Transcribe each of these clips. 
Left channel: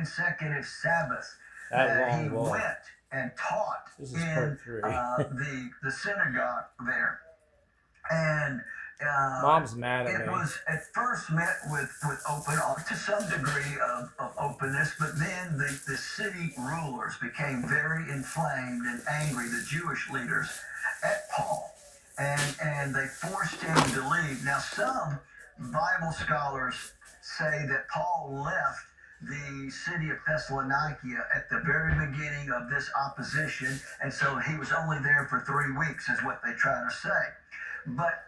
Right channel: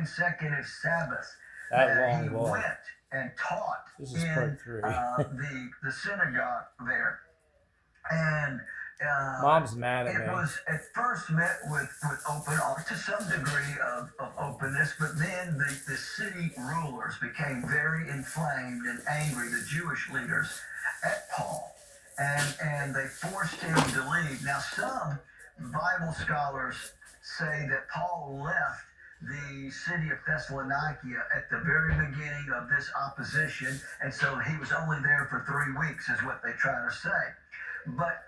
consecutive Sabbaths That that he long walk. went and taught This is in part 3. the synagogue there. And Mom's mad at it me. was at first met with open, to some degree of openness, but then the city rulers became very inflamed and angry, the Jewish leaders, at Paul. And they forced him to leave. Now, some Bible scholars say that Paul left the city of Thessalonica at the very beginning of this opposition, and so he was only there for 3 weeks, is what they try to say. But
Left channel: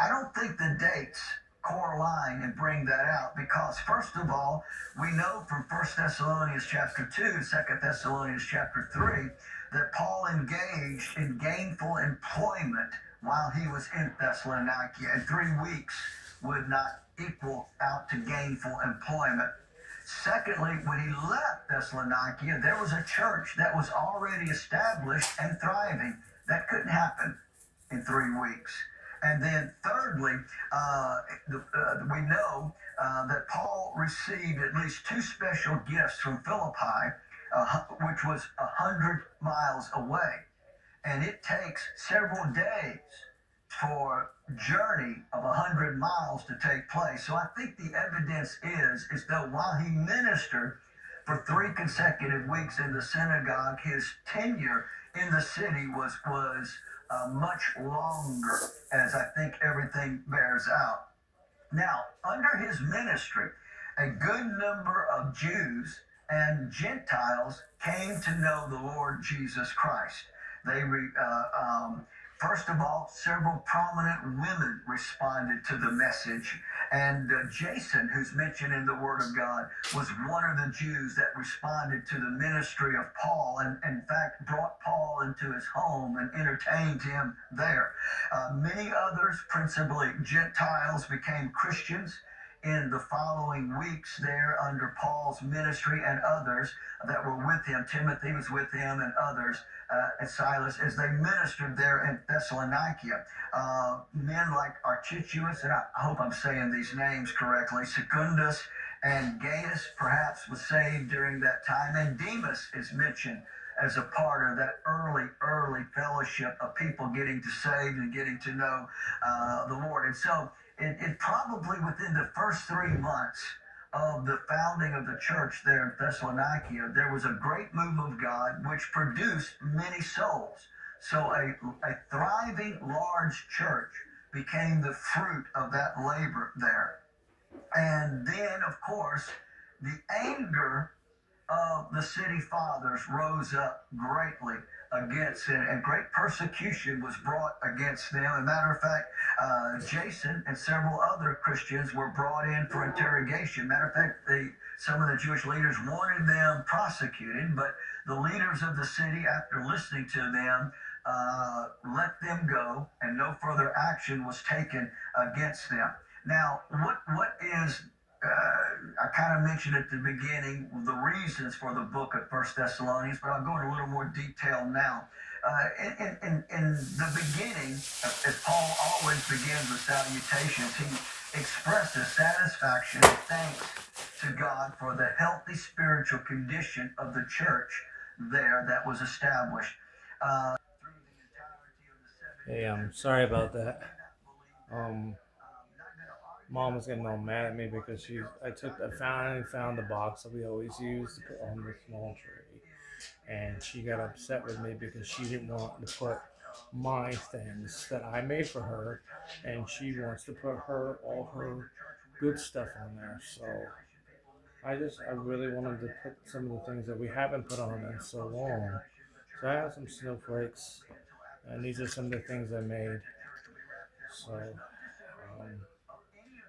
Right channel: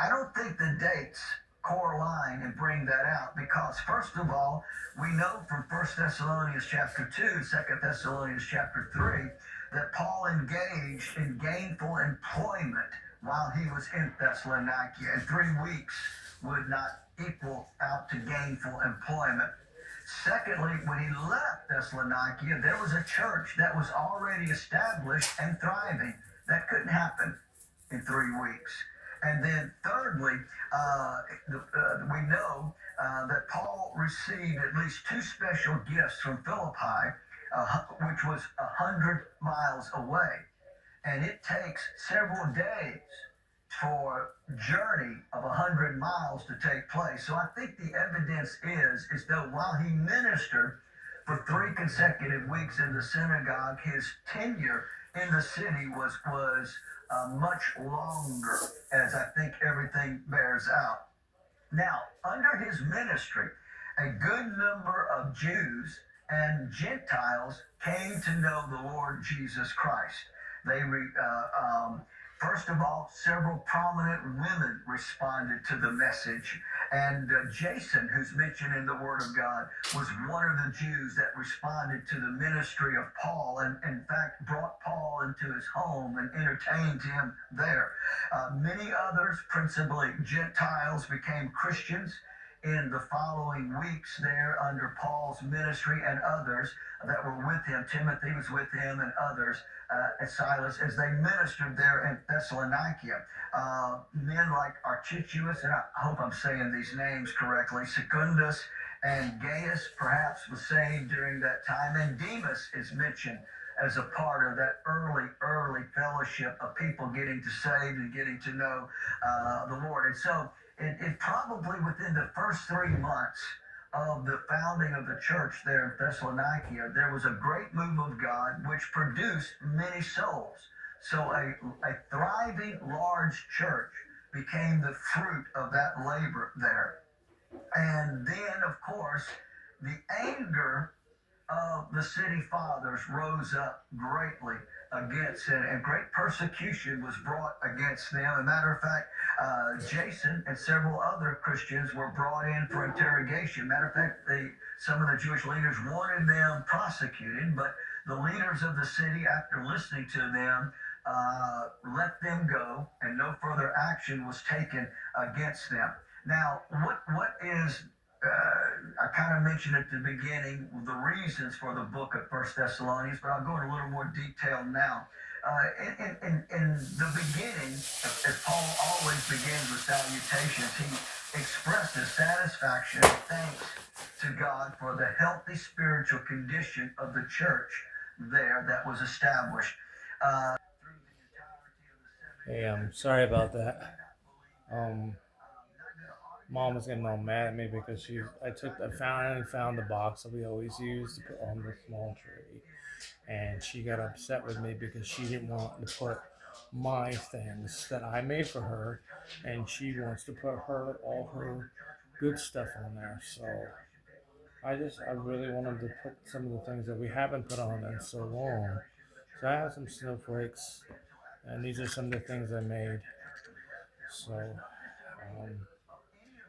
I don't think the dates correlate and bring that out because, first of all, we know from 1 Thessalonians chapter 2, 2 Thessalonians chapter 3, that Paul engaged in gainful employment while he was in Thessalonica, and 3 weeks would not equal out to gainful employment. Secondly, when he left Thessalonica, there was a church that was already established and thriving. That couldn't happen in 3 weeks. And then thirdly, we know that Paul received at least two special gifts from Philippi, which was 100 miles away. And it takes several days for a journey of 100 miles to take place. So I think the evidence is that while he ministered for 3 consecutive weeks in the synagogue, his tenure in the city was much longer, as I think everything bears out. Now, under his ministry, a good number of Jews and Gentiles came to know the Lord Jesus Christ. First of all, several prominent women responded to the message. And Jason, who's mentioned in the Word of God, was one of the Jews that responded to the ministry of Paul and, in fact, brought Paul into his home and entertained him there. Many others, principally Gentiles, became Christians in the following weeks there under Paul's ministry, and others that were with him. Timothy was with him and others, and Silas, as they ministered there in Thessalonica. Men like Archichus, and I hope I'm saying these names correctly, Secundus and Gaius perhaps was saved during that time, and Demas is mentioned as a part of that early fellowship of people getting to saved and getting to know the Lord. And so it probably within the first 3 months of the founding of the church there in Thessalonica, there was a great move of God which produced many souls. So a thriving large church became the fruit of that labor there. And then, of course, the anger of the city fathers rose up greatly against it, and great persecution was brought against them. As a matter of fact, Jason and several other Christians were brought in for interrogation. Matter of fact, some of the Jewish leaders wanted them prosecuted, but the leaders of the city, after listening to them, let them go, and no further action was taken against them. Now, what is I kind of mentioned at the beginning the reasons for the book of First Thessalonians, but I'll go into a little more detail now. In the beginning, as Paul always begins with salutations, he expresses satisfaction and thanks to God for the healthy spiritual condition of the church there that was established. Through the entirety of the Hey, 7 years sorry that about they that. did not believe that. Um, Not going to argue Mom was about getting all why mad at they me why because they I finally found the box that we always use to put on the small tree, and she got upset with me because she didn't want to put my things that I made for her, and she wants to put all her good stuff on there. So I really wanted to put some of the things that we haven't put on in so long. So I have some snowflakes, and these are some of the things I made. So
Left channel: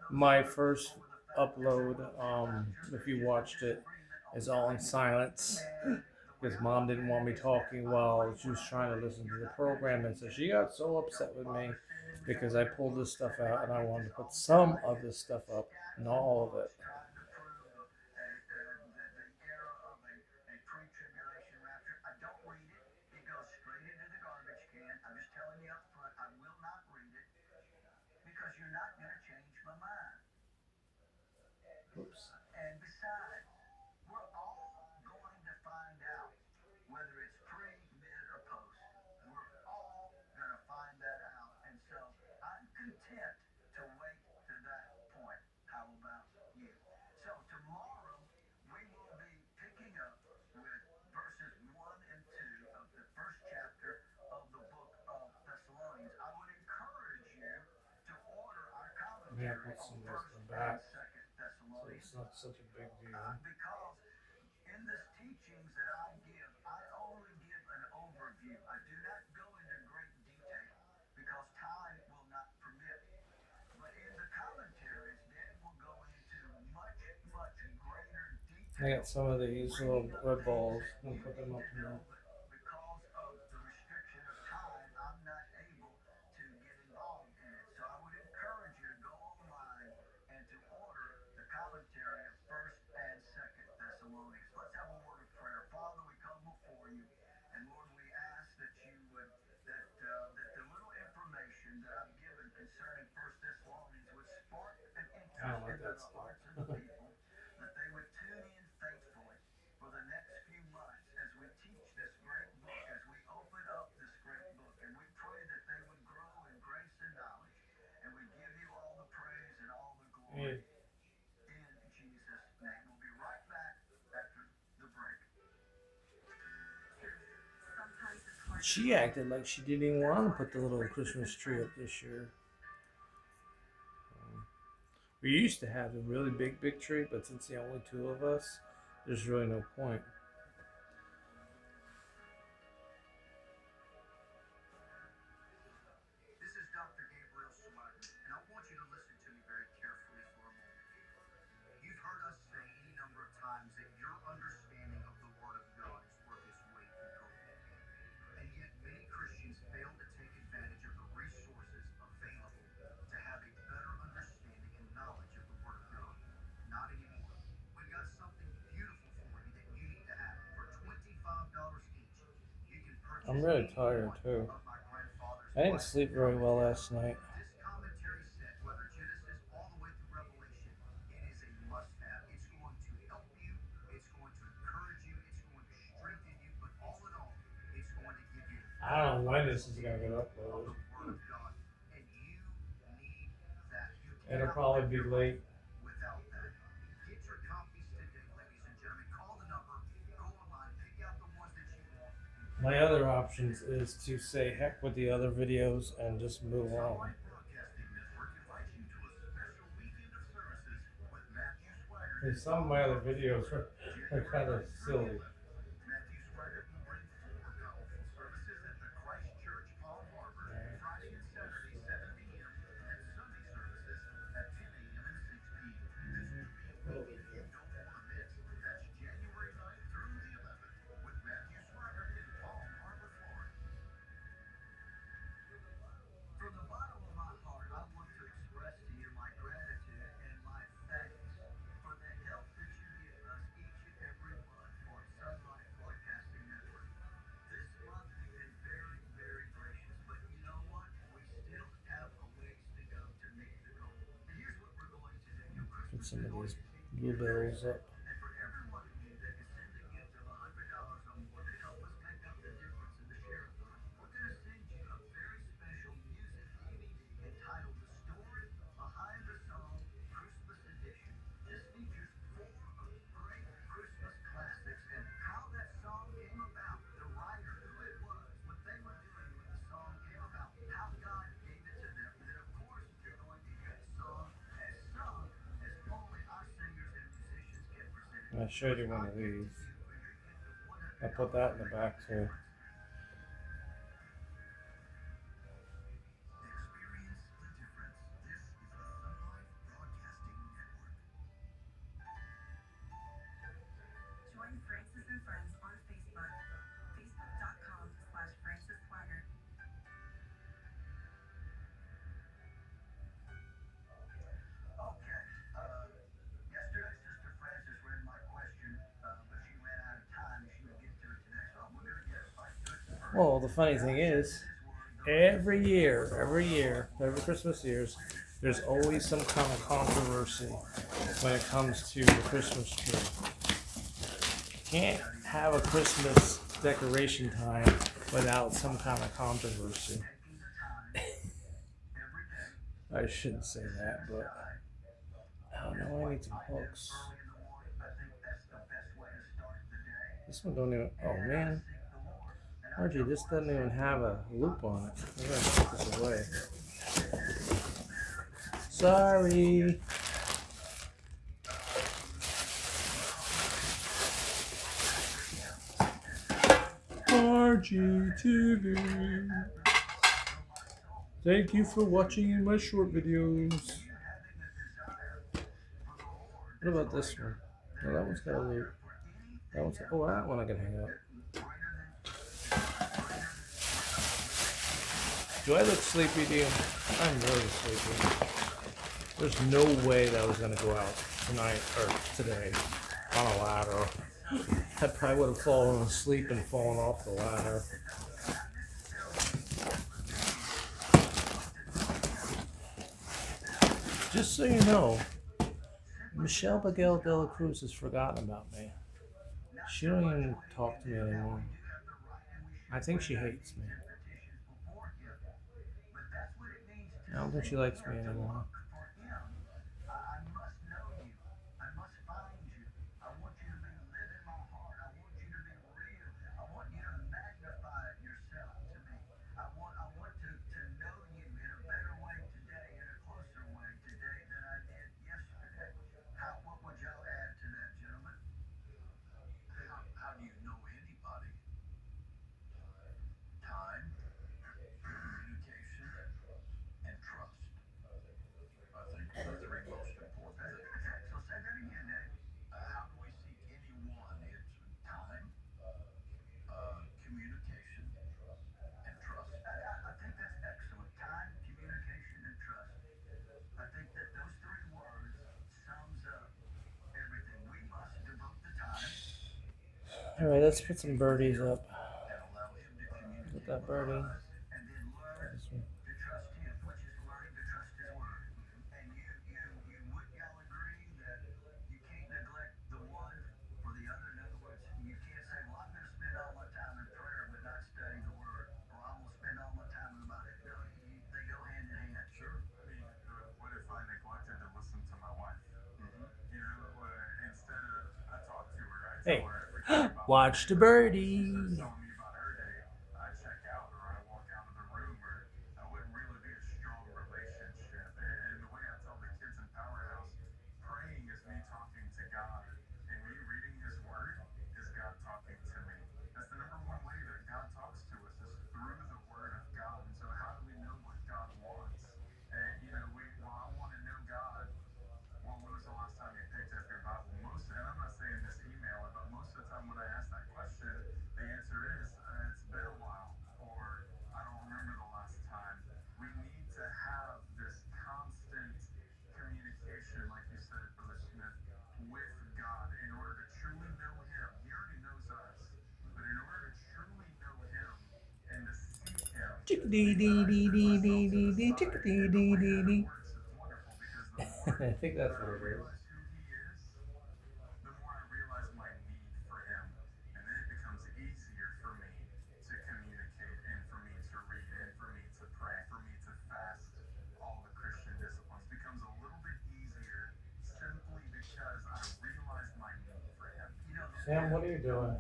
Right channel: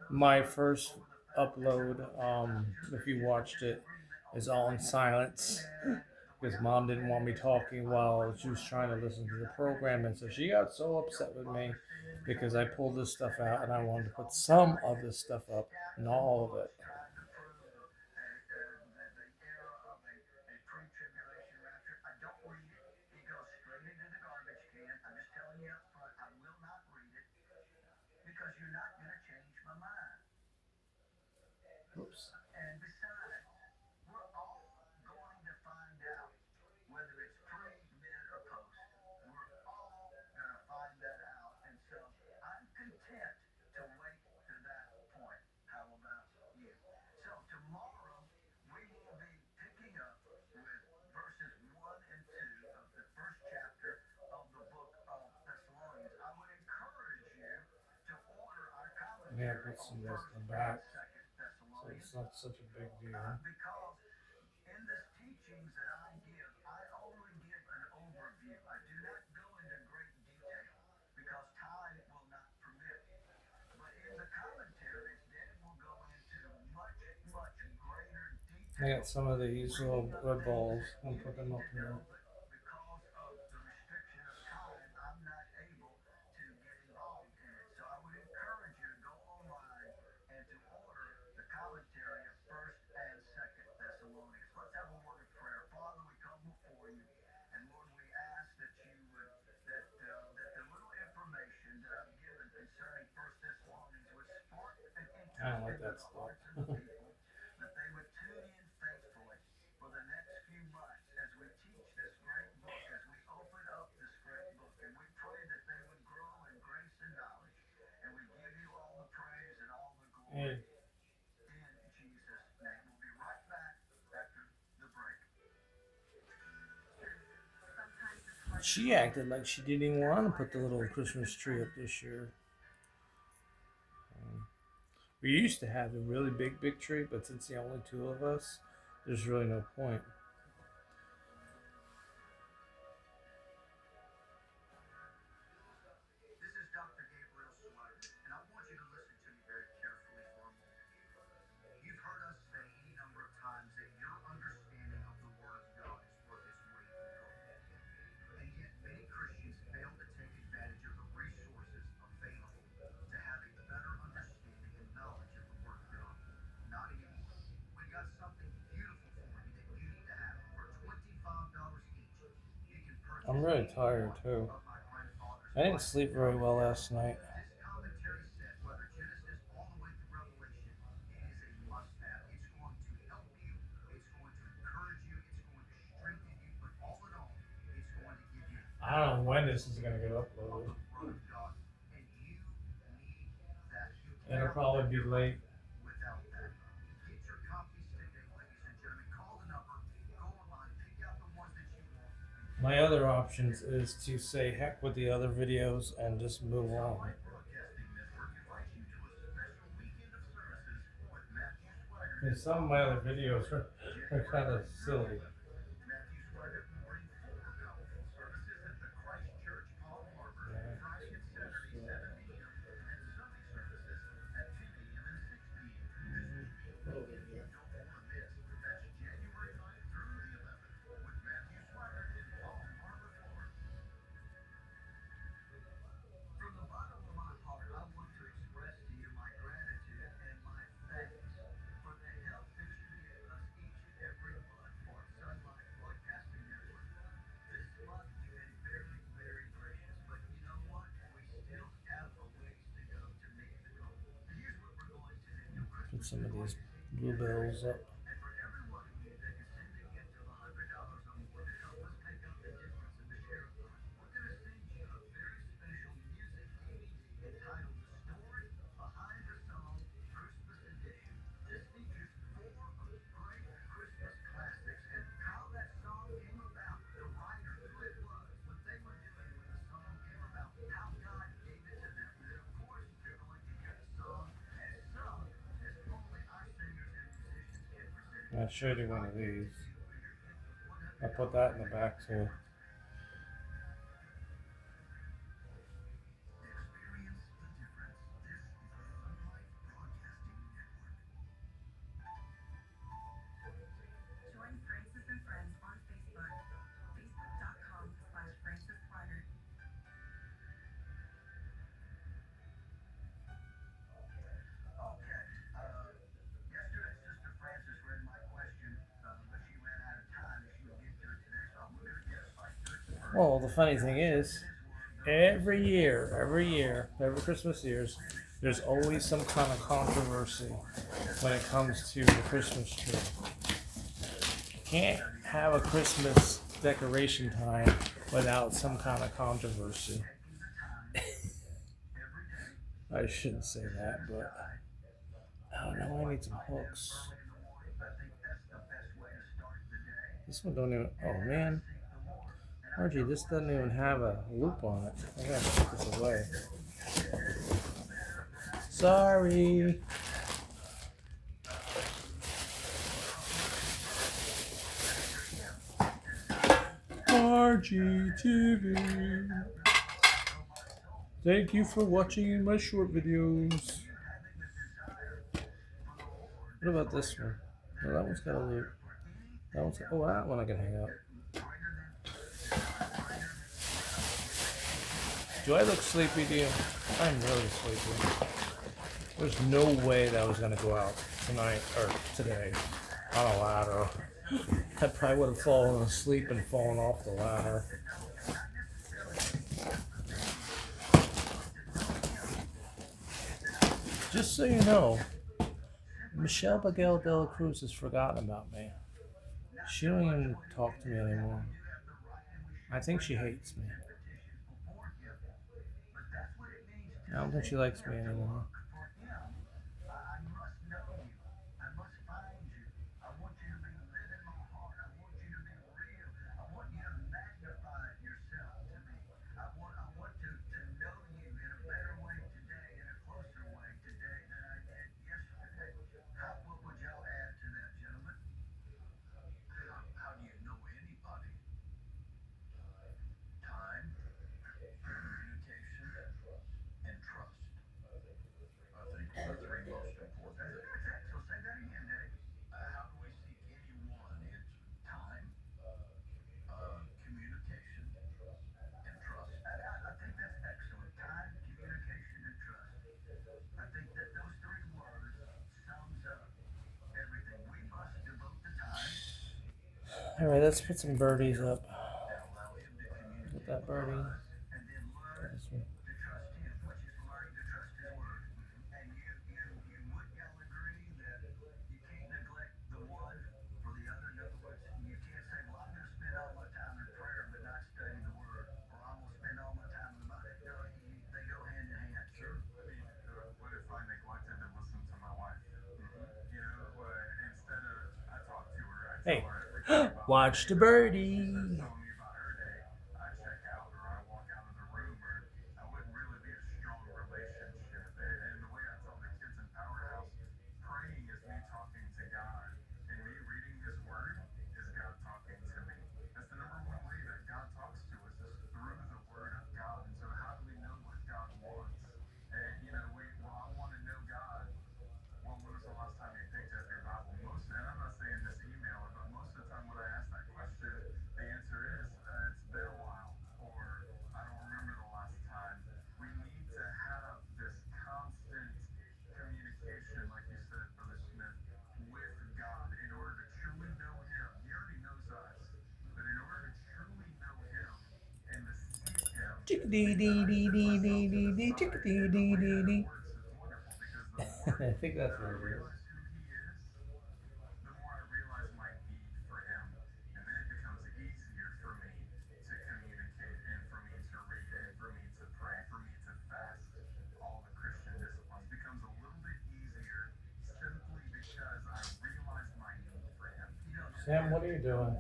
my first upload, if you watched it, is all in silence because Mom didn't want me talking while she was trying to listen to the program, and so she got so upset with me because I pulled this stuff out and I wanted to put some of this stuff up, not all of it. Because you're not going to change my mind. Oops. And besides, we're Yeah, put some of this in the back, so Thessalonians. it's not such a big deal. Because in this teachings that I give, I only give an overview. I do not go into great detail because time will not permit. But in the commentaries, then will go into much, much greater I detail. got some of these little red balls and put them up You here. know, but because of the restriction of time, I'm not able to get involved in it. So I would encourage you to go online and to order the commentary of First and Second Thessalonians. Let's have a word of prayer. Father, we come before you, and Lord, we ask that you would that the little information that I've given concerning First Thessalonians would spark an I don't interest like into that the stuff. hearts of the people, that they would tune in faithfully for the next few months as we teach this great book, as we open up this great book. And we pray that they would grow in grace and knowledge. And we give you all the praise and all the glory in Jesus' name. We'll be right back after the break. She acted like she didn't even want to put the little Christmas tree up this year. We used to have a really big tree, but since the only two of us, there's really no point. This is Dr. Gabriel Swagger, and I want you to listen to me very carefully for a moment. You've heard us say any number of times that your understanding of the Word of God is worth its weight in gold. And yet, many Christians fail to take advantage of the resources available to have a better understanding and knowledge of the Word of God. Not anymore. We've got something beautiful for you that you need to have. For $25 each, you can purchase I'm really tired too. of my grandfather's I didn't sleep very well last night. This commentary set, whether Genesis all the way through Revelation, it is a must-have. It's going to help you. It's going to encourage you. It's going to strengthen you. But all in all, it's going to give you. I don't know when this is gonna get uploaded. Word of God, and you need that. You It'll probably be late. Without that, get your copies today, ladies and gentlemen. Call the number. Go online. Pick out the ones that you want. My other options is to say heck with the other videos and just move on. And some of my other videos are kind of silly. Matthew Swagger will bring 4 powerful services at the Christ Church Palm Harbor, Friday and Saturday, 7 p.m., and Sunday services at 10 a.m. and 6 p.m. This will be a weekend you don't want to miss. That's January 9th through the 11th with Matthew Swagger in Palm Harbor, Florida. From the bottom of my heart, I want to express to you my gratitude and my thanks for the help that you give us each and every month for Sunlight Broadcasting Network. This month you've been very, very gracious, but you know what? We still have a ways to go to meet the goal. And here's what we're going to do. Put some of these bluebills up. And for every one of you that can send a gift of $100 or more to help us make up the difference in the share-a-thon, we're going to send you a very special music DVD entitled The Story Behind the Song Christmas Edition. This features 4 of great Christmas classics and how that song came about, the writer, who it was, what they were doing when the song came about, how God gave it to them. And then, of course, you're going to hear the song as sung as only our singers and musicians can present it. I showed you one of these. I put that in the back too. Experience the difference. This is the Sunlight Broadcasting Network. Join Francis and Friends on Facebook. Facebook.com/FrancisSwagger. Okay. Yesterday, Sister Francis read my question, but she ran out of time and she would get to it today. So we're going to get right to it first. Well, the funny thing is, every Christmas years, there's always some kind of controversy when it comes to the Christmas tree. You can't have a Christmas decoration time without some kind of controversy. I shouldn't say that, but oh no, I need some hooks. This one don't even. Oh man, Margie, this doesn't even have a loop on it. I gotta put this away. Sorry. RGTV. Thank you for watching my short videos. What about this one? No, that one's got a loop. That one's, oh, that one I can hang up. Do I look sleepy to you? I'm really sleepy. There's no way that I was gonna go out tonight or today on a ladder. I probably would have fallen asleep and fallen off the ladder. Just so you know, Michelle Miguel de la Cruz has forgotten about me. She don't even talk to me anymore. I think she hates me. I don't think she likes me anymore. All right, let's put some birdies up. Get that birdie. This one. Hey, watch the birdie. Chickadee-dee-dee-dee-dee-dee, chickadee-dee-dee-dee. I think that's what it is. Sam, what are you doing?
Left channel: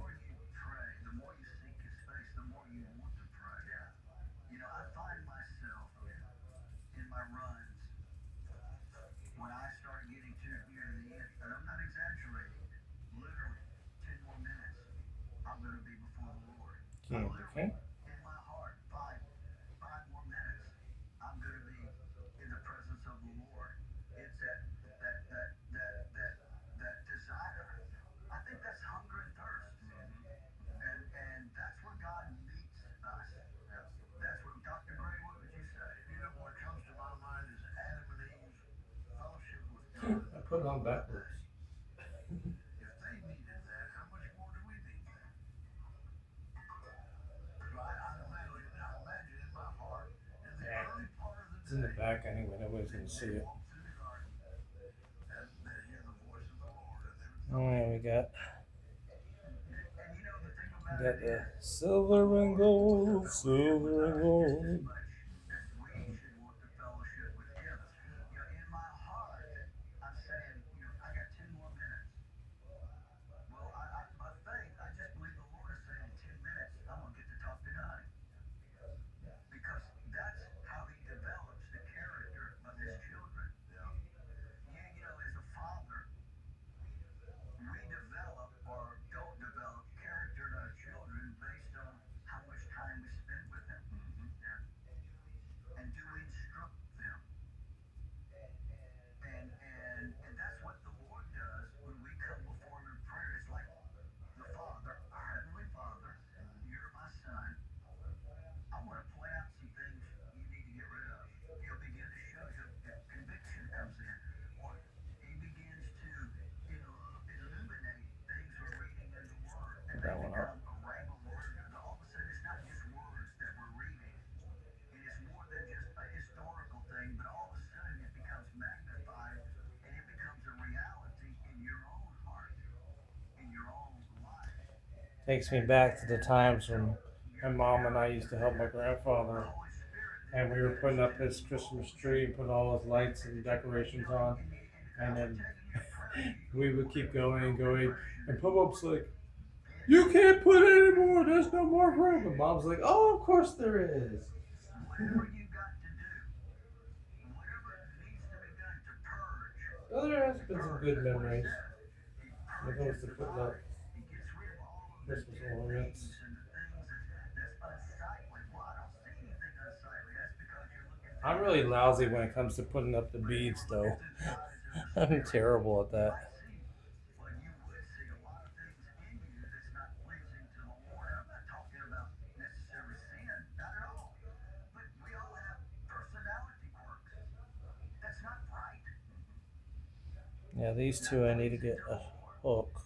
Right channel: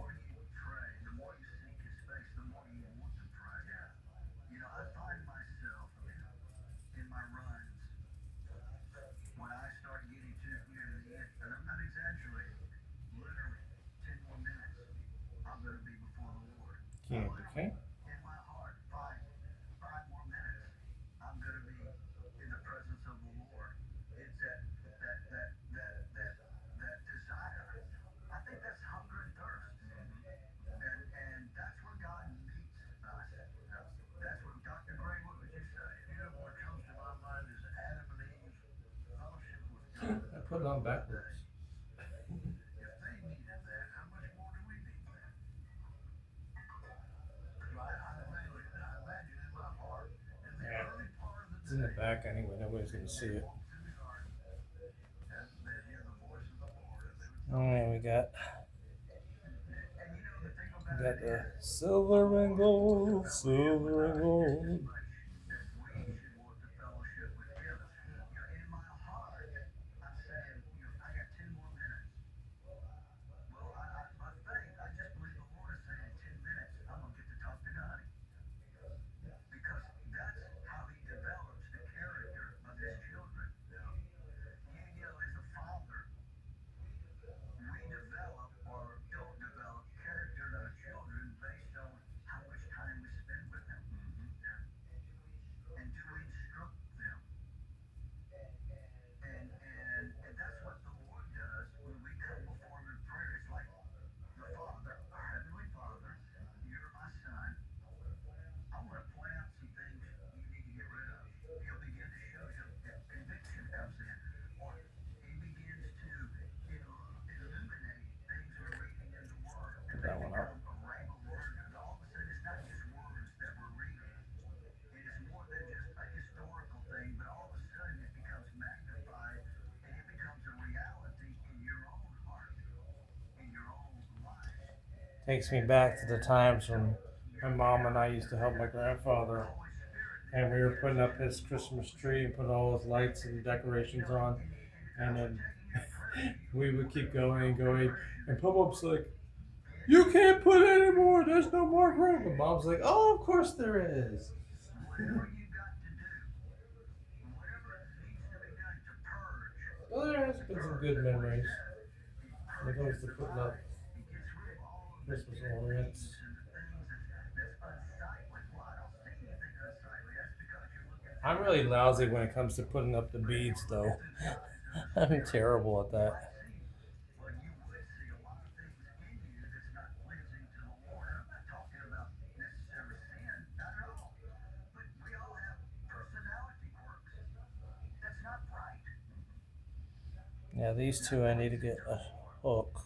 Candy, okay? I put it on backwards. Yeah. It's in the back anyway, nobody's gonna see it. Alright, we got the silver and gold, silver and gold. Takes me back to the times when my mom and I used to help my grandfather, and we were putting up his Christmas tree and putting all his lights and decorations on, and then we would keep going and going, and Pop-Up's like, "You can't put any more. There's no more room." And Mom's like, "Oh, of course there is." Well, there has been some good memories when it comes to putting up Christmas ornaments. I'm really lousy when it comes to putting up the beads, though. I'm terrible at that. Yeah, these two I need to get a hook.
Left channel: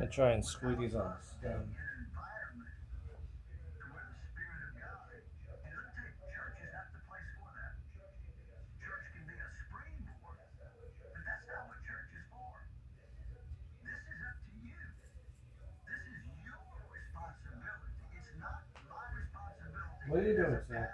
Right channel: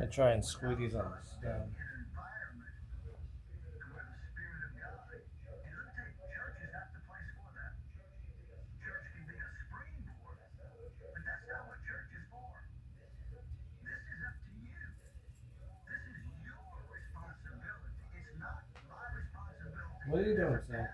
I try and squeeze these on the stem. What are you doing, Sam?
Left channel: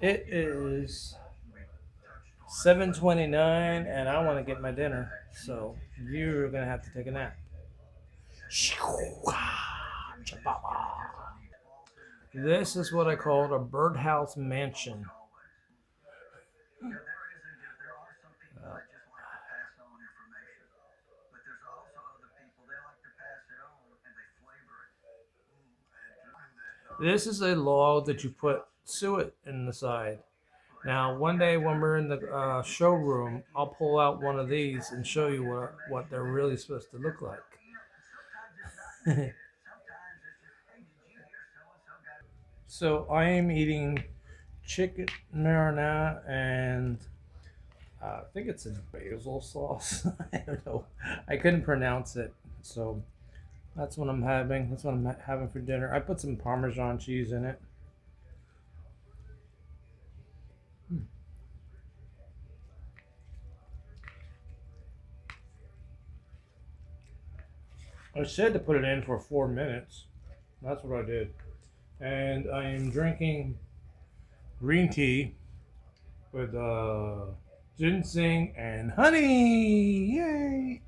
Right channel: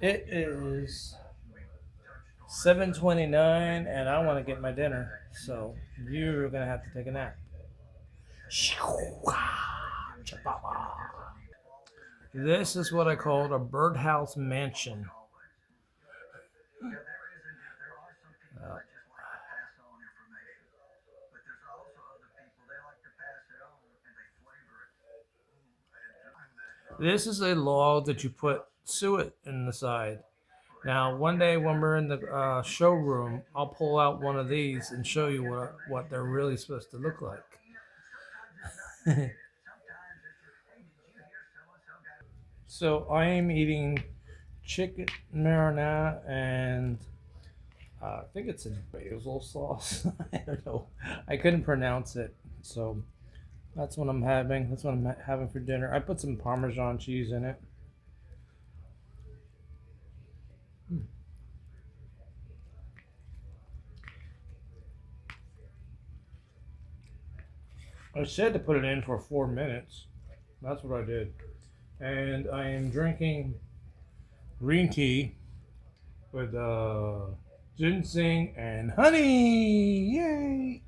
It is 7:29, and I want to get my dinner. So you're gonna have to take a nap. This is what I call a birdhouse mansion. Uh, this is a log that you put suet in the side. Now, one day when we're in the showroom, I'll pull out one of these and show you what they're really supposed to look like. So I am eating chicken marinara and I think it's a basil sauce. I don't know. I couldn't pronounce it. So that's what I'm having. That's what I'm having for dinner. I put some Parmesan cheese in it. I said to put it in for 4 minutes. That's what I did. And I am drinking green tea with ginseng and honey. Yay!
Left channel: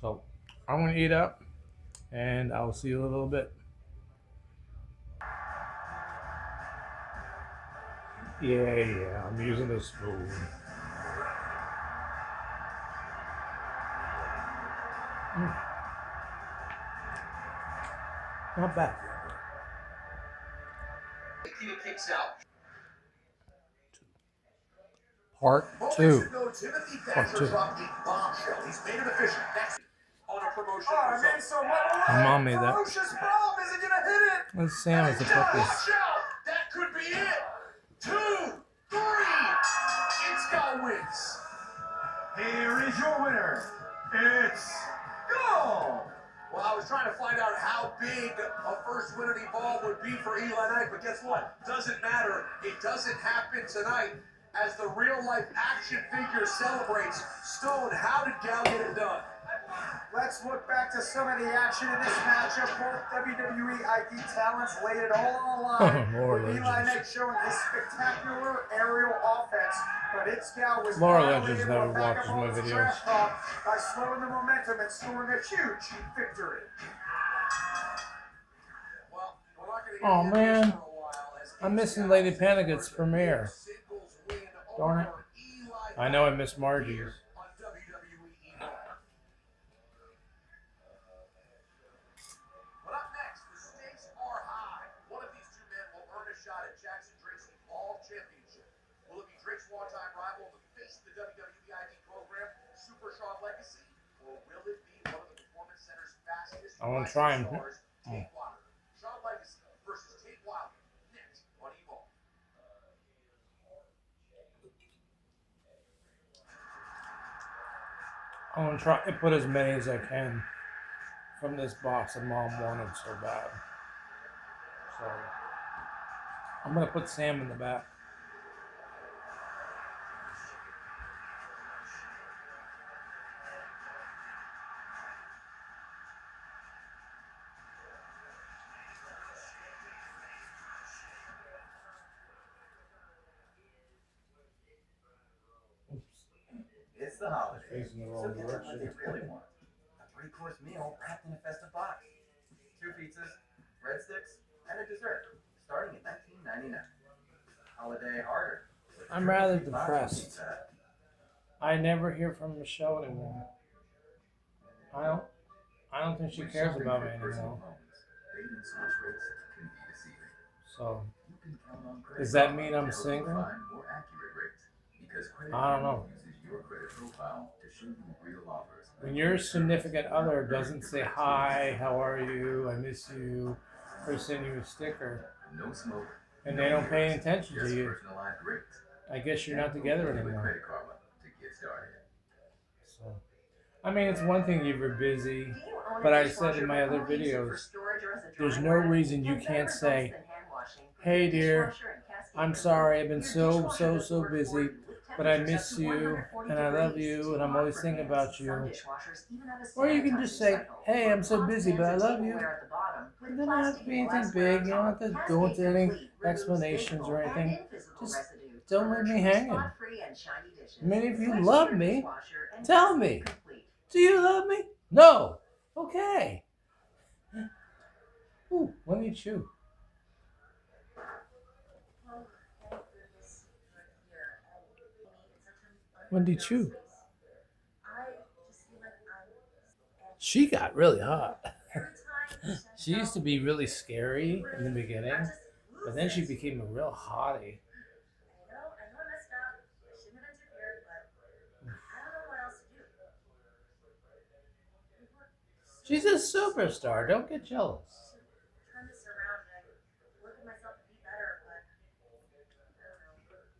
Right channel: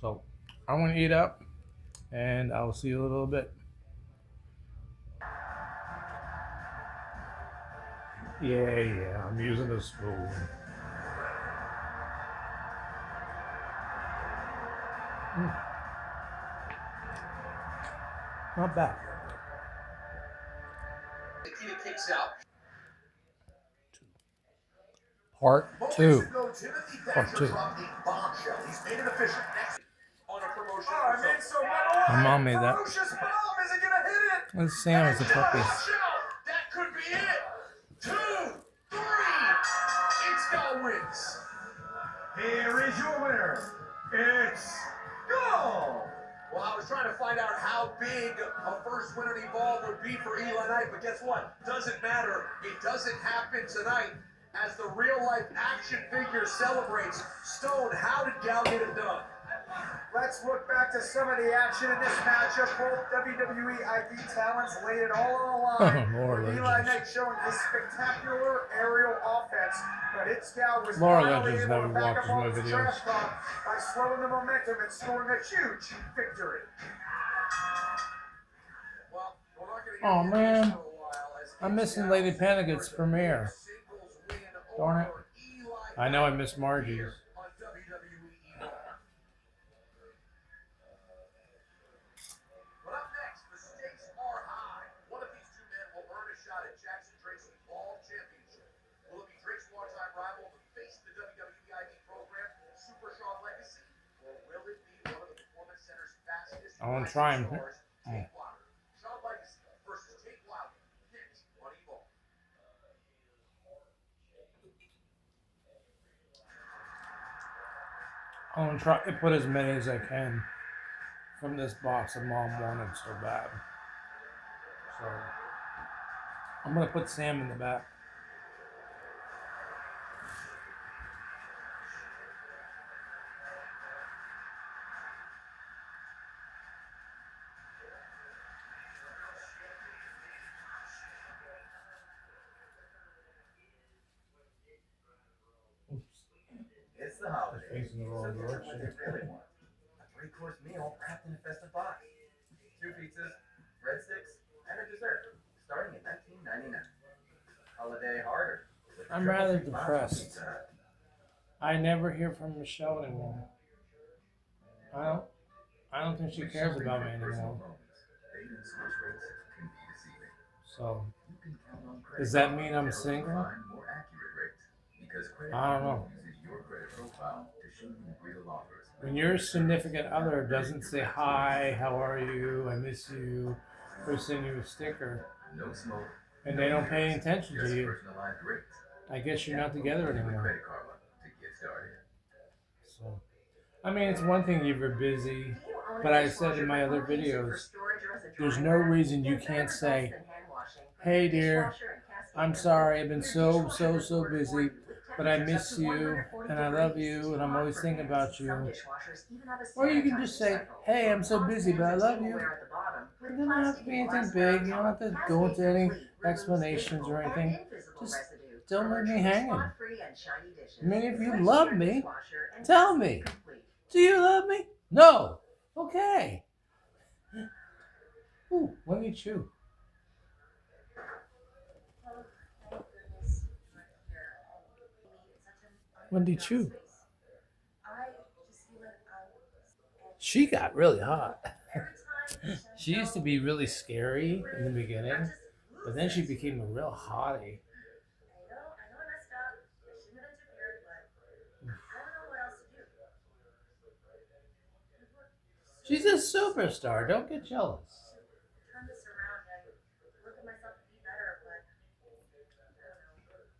So I'm gonna eat up, and I'll see you in a little bit. Yeah, I'm using a spoon. Mm, not bad. Part two. Part two. My mom made that. Let's Sam as a puppy. That could be it. 2, 3. It's got wins. Here is your winner. It's Go! Well, I was trying to find out how big a first winner ball would be for Eli Knight, but guess what? Doesn't matter. It doesn't happen tonight as the real-life action figure celebrates. Stone, how did Gal get it done? Let's look back to some of the action in this matchup. Both WWE ID talents laid it all on the line. More Eli legends. Knight showing his spectacular aerial offense, but Itzgal was Laura Legends never watches my videos. by slowing the momentum and scoring a huge victory. Oh man, I'm missing Lady Panic-At's premiere. Darn it. I know I missed Margie's. I want to try and. I'm gonna try to put as many as I can from this box that Mom wanted so bad. So I'm gonna put Sam in the back. Oops. It's the holidays, Facing the so wrong get what direction. you really want. A three-course meal wrapped in a festive box. 2 pizzas, breadsticks, and a dessert, starting at $19.99. Holiday harder. I'm rather depressed. I never hear from Michelle anymore. I don't. I don't think she cares about me anymore. So, does that mean I'm single? I don't know. When your significant other doesn't say hi, how are you, I miss you, or send you a sticker, and they don't pay attention to you, I guess you're not together anymore. So, I mean, it's one thing if you're busy, but I said in my other videos, there's no reason you can't say, hey dear, I'm sorry, I've been so busy, but I miss you, and I love you, and I'm always thinking about you. Or you can just say, hey, I'm so busy, but I love you. It doesn't have to be anything big. You don't have to go into any explanations or anything. Just don't leave me hanging. I mean, if you love me, tell me. Do you love me? No. Okay. Ooh, let me chew. Wendy Chu. She got really hot. She used to be really scary in the beginning, but then she became a real hottie. She's a superstar. Don't get jealous.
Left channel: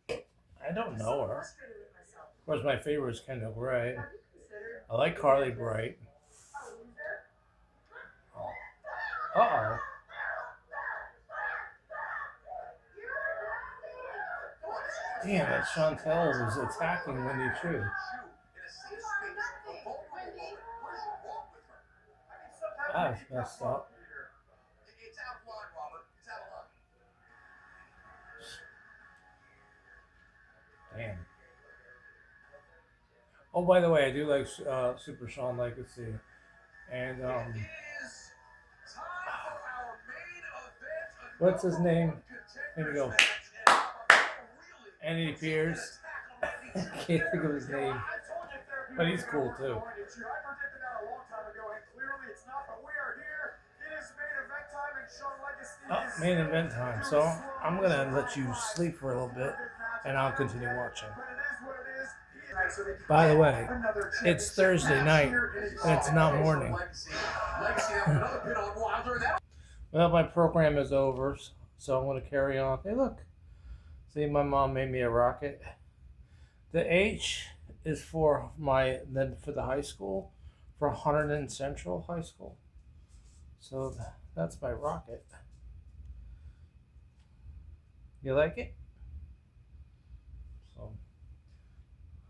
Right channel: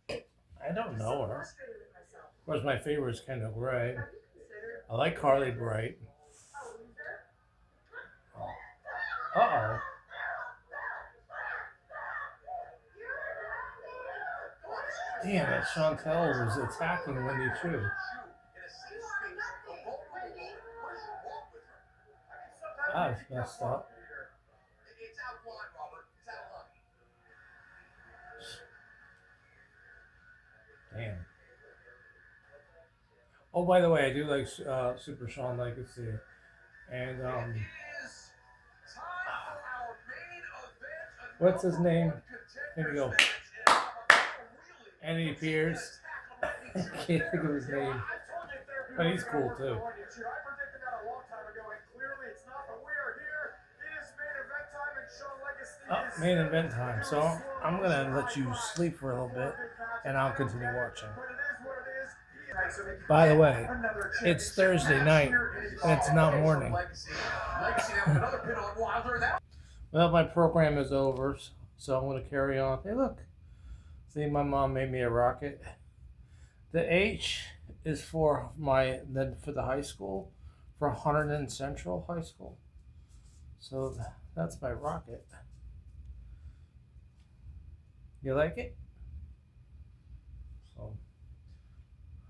I don't know her. Of course, my favorite is Kendall Gray. I like Carly Bright. Uh-oh. Damn it, Chantel was attacking Wendy Chu. That's messed up. Damn. Oh, by the way, I do like Super Sean Legacy. And, what's his name? Here we go. Andy Pierce. I can't think of his name. But he's cool too. Oh, main event time. So I'm gonna let you sleep for a little bit and I'll continue watching. By the way, it's Thursday night and it's not morning. Well, my program is over, so I'm gonna carry on. Hey, look. See, my mom made me a rocket. The H is for for the high school, for Hunterdon Central High School. So that's my rocket. You like it? So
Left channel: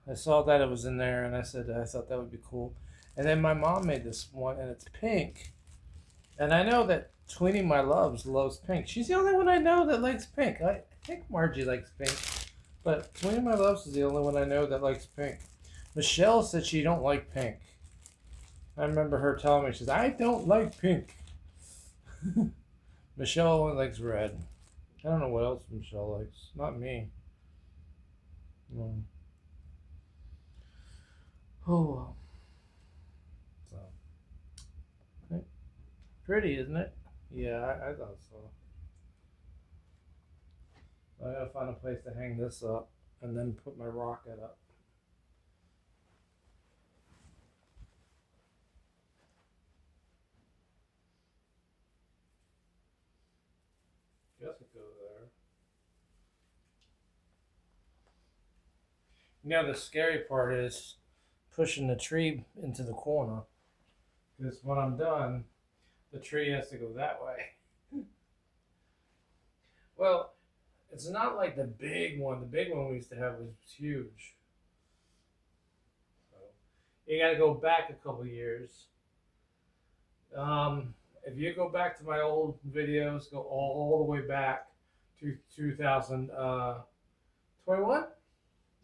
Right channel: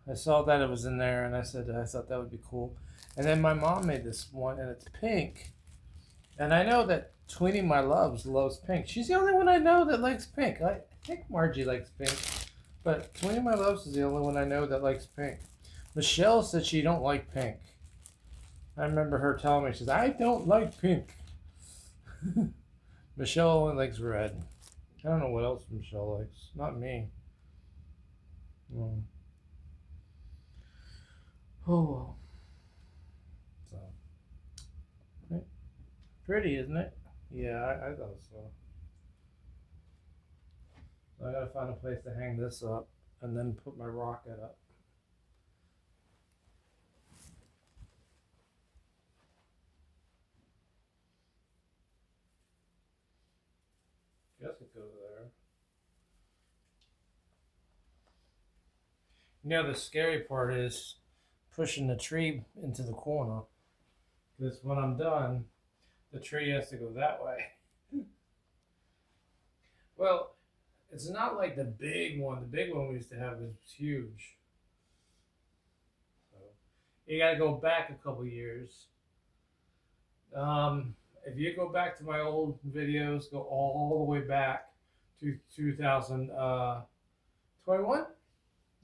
I saw that it was in there, and I thought that would be cool. And then my mom made this one, and it's pink. And I know that Tweenie My Loves loves pink. She's the only one I know that likes pink. I think Margie likes pink, but Tweenie My Loves is the only one I know that likes pink. Michelle said she don't like pink. I remember her telling me, she says, I don't like pink. Michelle only likes red. I don't know what else Michelle likes. Not me. No. Oh well. So, pretty, isn't it? Yeah, I thought so. I gotta find a place to hang this up and then put my rocket up. Guess it goes there. You know, the scary part is pushing the tree into the corner. Because when I'm done, the tree has to go that way. Well, it's not like the big one. The big one we used to have was huge. So you got to go back a couple years. If you go back to my old videos, go all the way back to 2021.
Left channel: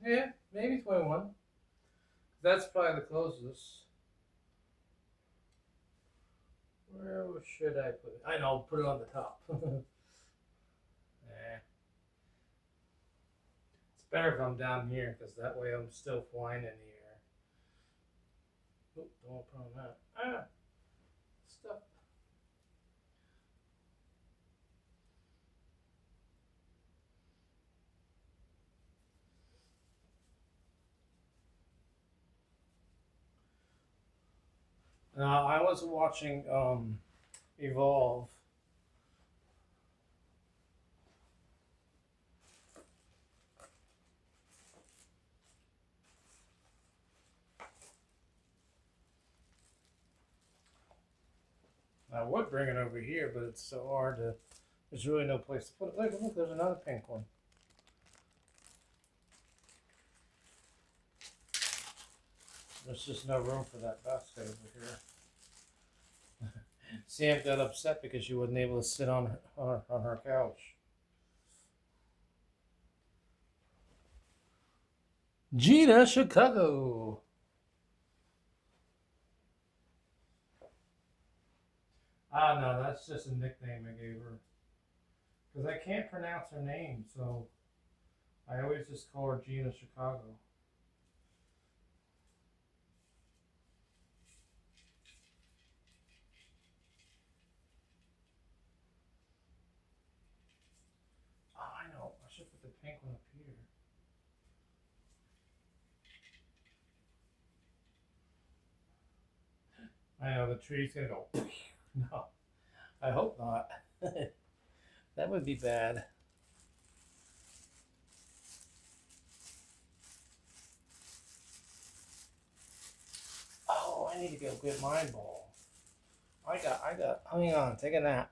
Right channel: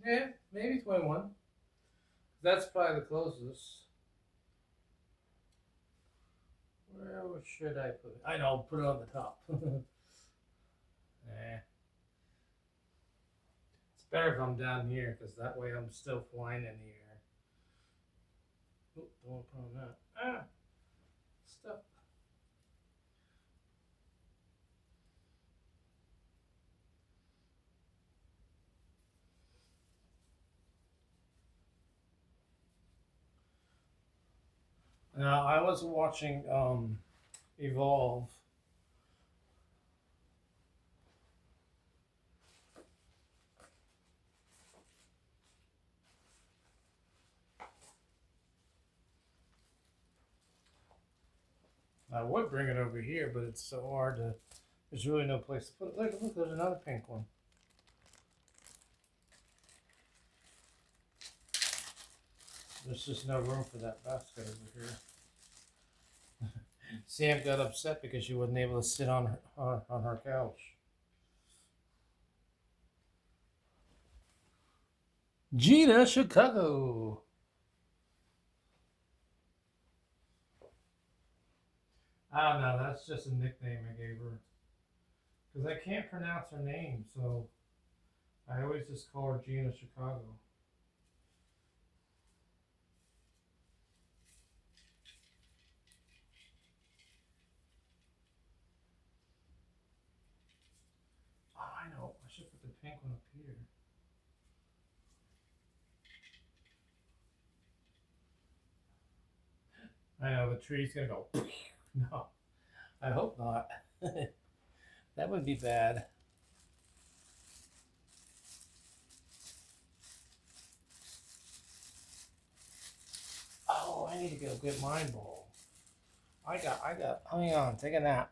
Yeah, maybe 21. That's probably the closest. Where should I put it? I know, put it on the top. It's better if I'm down here because that way I'm still flying in the air. Oh, don't want to put on that. Ah, stuff. Now I was watching Evolve. I would bring it over here, but it's so hard to. There's really no place to put it. Look, there's another pink one. There's just no room for that basket over here. Sam got upset because she wasn't able to sit on her couch. Gina Chicago. Ah, no, that's just a nickname I gave her. Because I can't pronounce her name, so I always just call her Gina Chicago. Oh, I know. I should put the pink one up here. I know, the tree's going to go. No, I hope not. That would be bad. Oh, I need to go get my ball. Hang on, take a nap.